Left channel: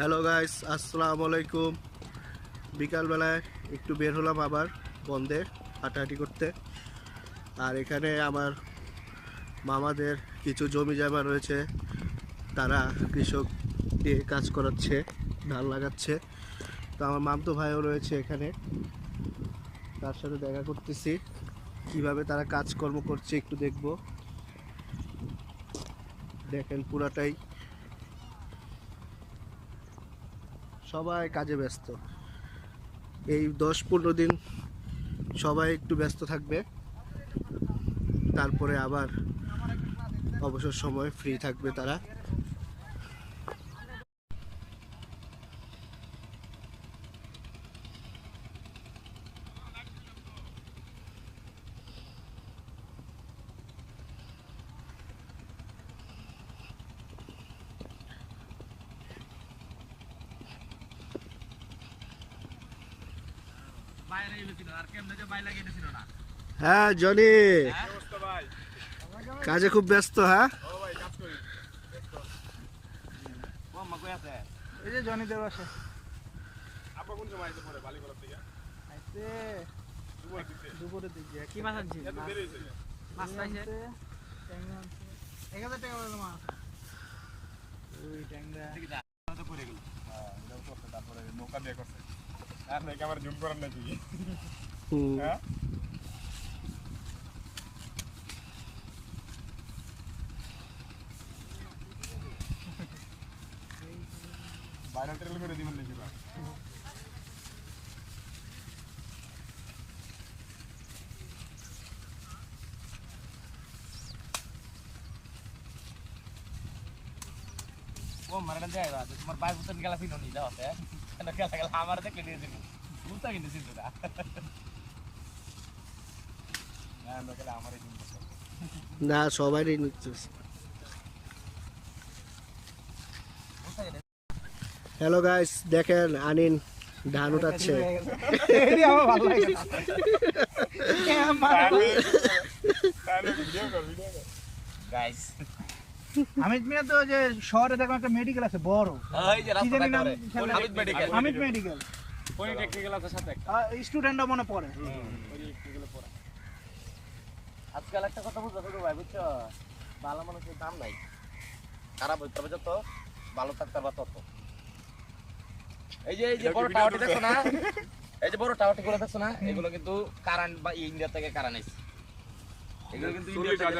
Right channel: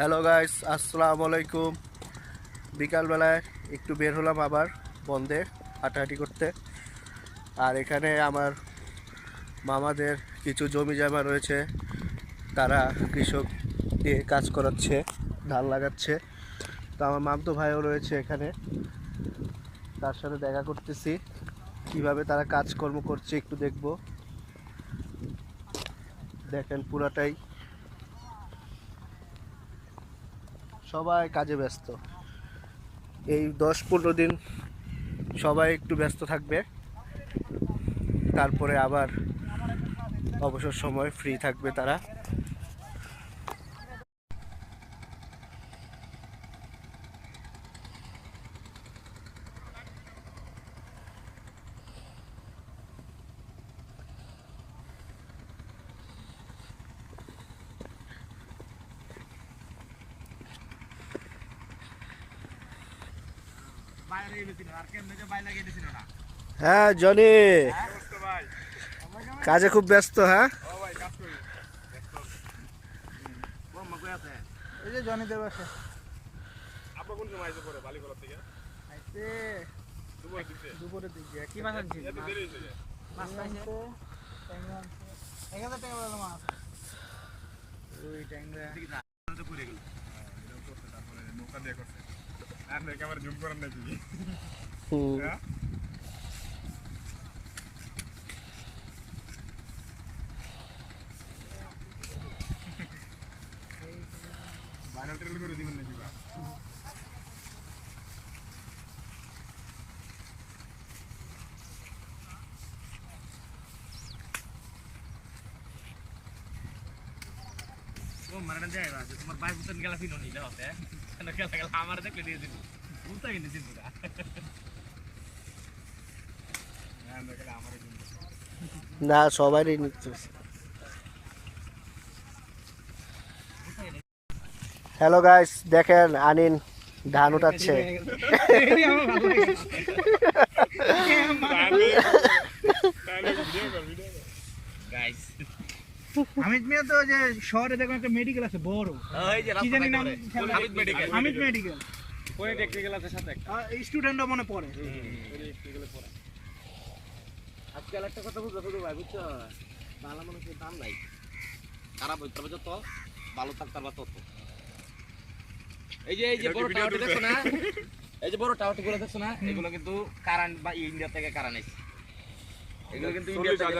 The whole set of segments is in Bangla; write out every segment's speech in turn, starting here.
হ্যালো গাইস, আসসালামু আলাইকুম। বিকালবেলায় একটু বের হলাম আবার বন্ধে হাঁটাহাঁটি করতে। আর এখানে আমার মামাদের কিছু জমি জমা রয়েছে, তারা কৃষক দিয়ে কাজ করাচ্ছে, ধান লাগাচ্ছে। তো আমার মামতো ভাইও রয়েছে এখানে, তার সাথে দেখা করতেছি, কিভাবে তারা কাজকর্ম করছে একটু দেখব। দেখেন পুরাটাই সবাই কাজে ব্যস্ত। এই 10-15 দিন সবাই একটু ব্যস্ত থাকবে, তারপরে আবার অবসর সময় ফ্রি থাকবে তারা। হ্যাঁ জনি, কাজে খুব ব্যস্ত। হ্যাঁ এই যে জনি দেব আসে দুপুরের দিকে কি মাছ আনছি মাছ পাইছে 1000 টাকা বলে মাছ ওই ট্যাংরা তারপরে নৌকা দিয়ে করছে আর নাকি আমার জুম করার নাই তুই হ্যাঁ ভাইরাল ট্রেল করে দিবেন নাকি বা ও মারনা যায় বা তোমার ভাই বুঝছেন গেলা ফিনো নি দাও আছে না গেলা গেলা আমার দেখলে দিয়ে দিন বুঝতা কিন্তু চিন্তা না না গেলে আমারই জুম করছে না, সবারই নিচ্ছে। হ্যালো গাইস, দেখেন আনিন ধান উঠাচ্ছে। গাইস হামিদ মিয়া তো যে শহরে দেখো একটা মেডিকেল আছে বড় এই যে কি রাস্তা জানি নাম করে হামিদ মেডিকেল হামিদ মেডিকেল কোন টেকনিক্যাল আছে সাথে স্টুডেন্টও মনে পড়ে আজকাল একটা কথা বুঝছো তো ভাই বুঝছো ভালো মানুষের দাম নাই খারাপ হইতে হবে যত ভালো থাকতে পারবা তত এই যে বড় টাওয়ারটা দেখছো না এই যে বড় টাওয়ারটা গুলো দেখছো না এগুলো কিন্তু কারেন্ট বা ইন্ডিয়া থেকে কারেন্ট আইছে এগুলো কিন্তু ইন্ডিয়া থেকে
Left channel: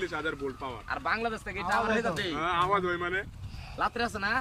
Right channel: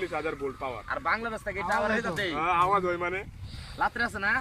40,000 ভোল্ট পাওয়ার আর বাংলাদেশ থেকে টাওয়ার হইতে দেই আওয়াজ হয় মানে রাত্রে আছে না